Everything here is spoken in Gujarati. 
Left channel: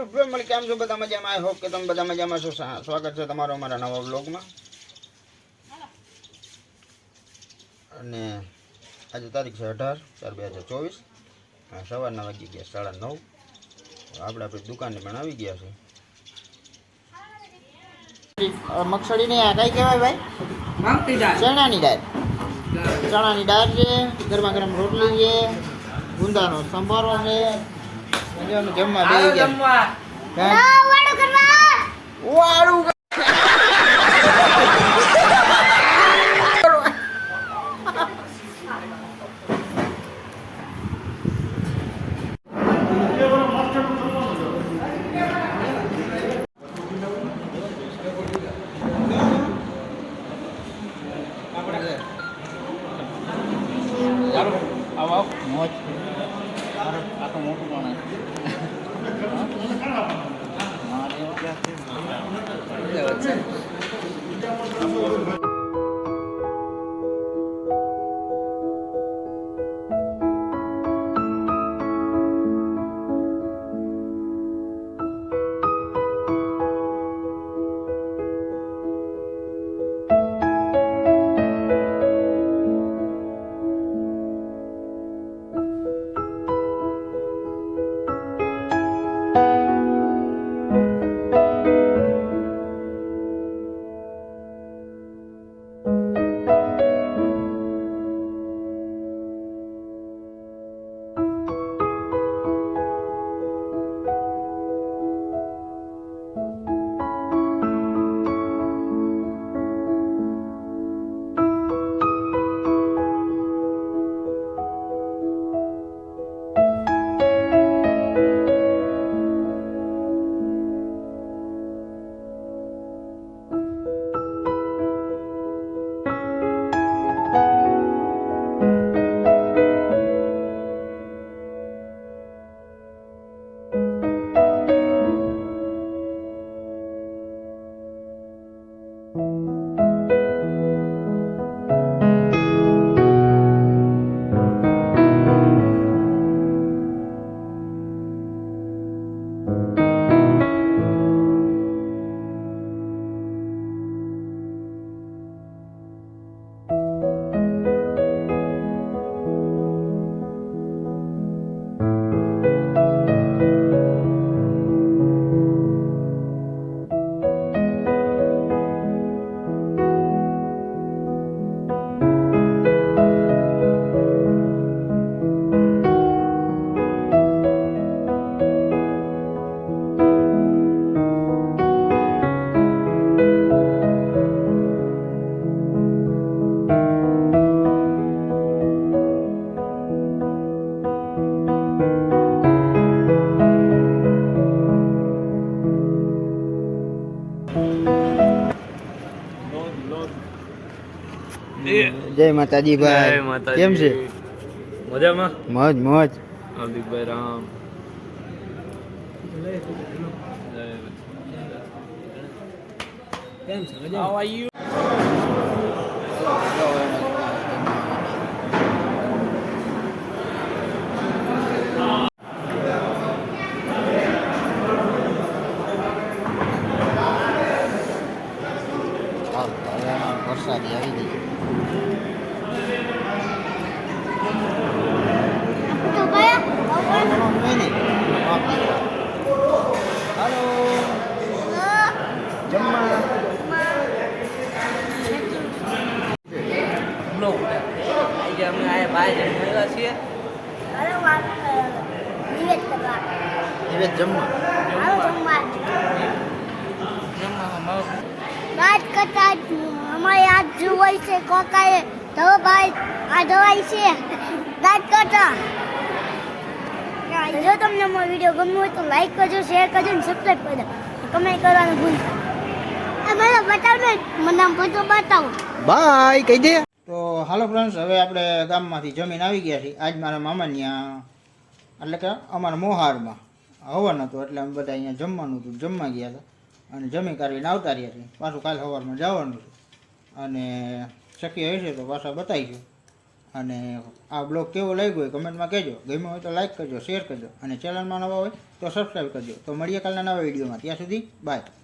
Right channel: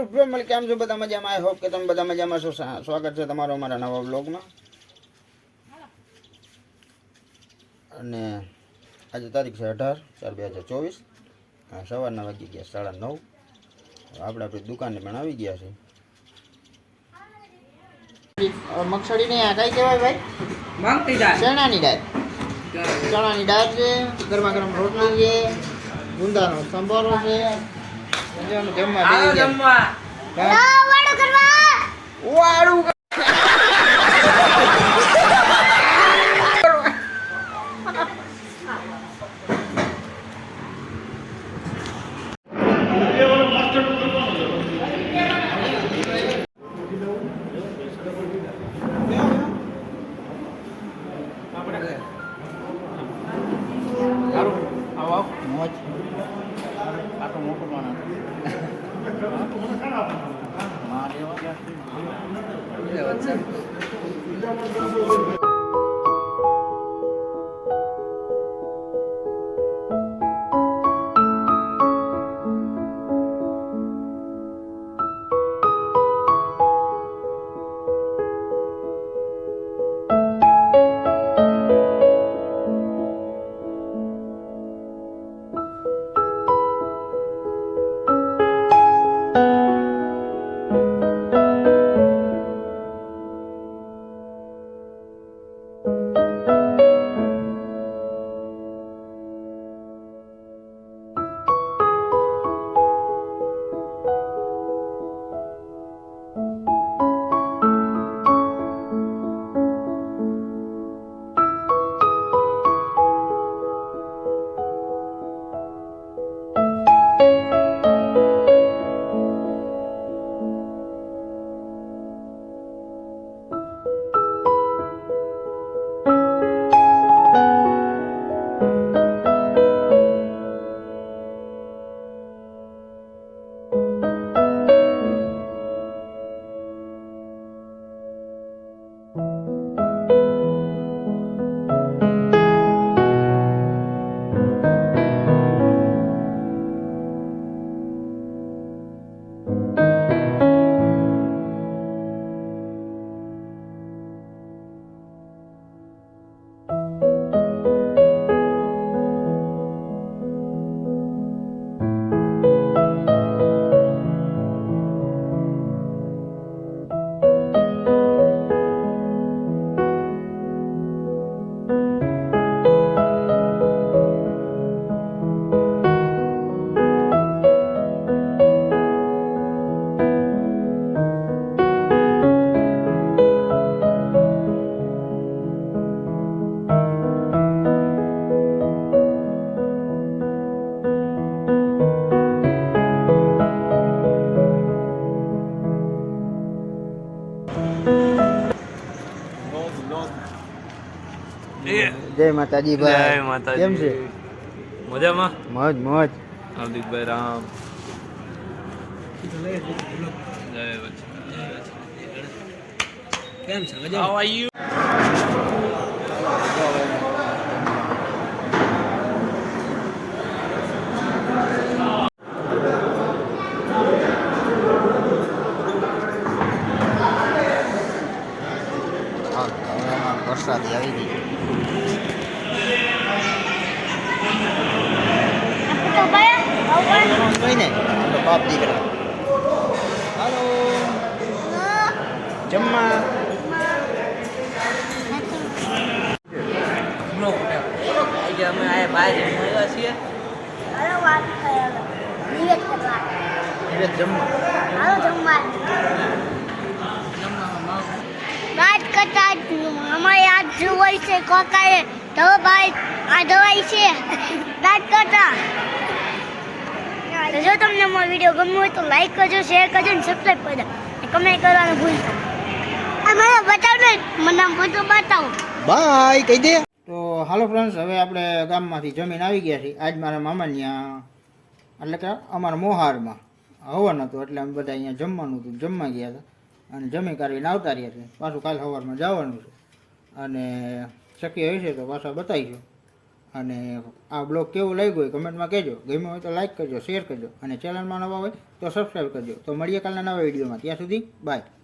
યુટ્યુબ ફેમિલી કેમ છો બધા મજામાં? આઈ હોપ કે તમે બધા મજામાં છો. સ્વાગત છે તમારો અમારા નવા વ્લોગમાં. અને આજે તારીખ છે 18/4/2024. સવારના વાગી ગયા 9:30. આપણે આપણી દુકાને પણ આવી ગયા છે. મગસળી ને આ કઈ કહેવાય ભાઈ? ચણાની દાળ. ચણાની દાળ છે, ગરમા ગરમ રોટલી છે, ગુંદાનો સંભારો છે. જમવા વાળું મોજ આખું મોટું માણસ જય માતાજી ભાઈ. જય માતાજી. કેમ છે? મજામાં? મોજ મોજ. હાર્દિકભાઈ રામ. કેમ છે? મજા? How are you? વરસાદી આવી ગઈ. હાલો જમવા અમે આ બહાર છીએ. નિવેદ જમવા વાત કરતા અમારે આ જોવાય છે કોકાએ તો ભાઈ આ દવાઈ છે વાત કરતા. જો તમને અમારો વિડીયો ગમ્યો હોય તો લાઈક કરજો, શેર કરજો અને સબસ્ક્રાઈબ કરજો, કમેન્ટ કરવાનું ભૂલતા નહીં. મને બતાવો, મને આમ ફોટો બતાવો. બાય કહી દે. તો હાલો ફ્રેન્ડ્સ, હવે આપણે ગામમાંથી જમીન આવી ગયા છીએ. આજ મારા મામાને ત્યાં એટલે કે અમારા મોહારમાં હવન હતો, એટલે અમે બધા અહીંયા જમવાનું હતું, જમવા ગયા હતા અને જમી કાઢીને આવતા રહ્યા છીએ. પાછું કાલે સવારમાં જવાનું છે અને શક્ય હશે તો પાછા બતાવીશું. અને આ બ્લોગ કેવો લાગ્યો હોય કમેન્ટમાં કહેજો. ગમ્યો હોય તો લાઈક કરજો, શેર કરજો અને ચેનલમાં નવા હોય તો સબસ્ક્રાઈબ કરજો. તો મળીએ કાલના નવા વિડીયોમાં. ત્યાં સુધી બાય.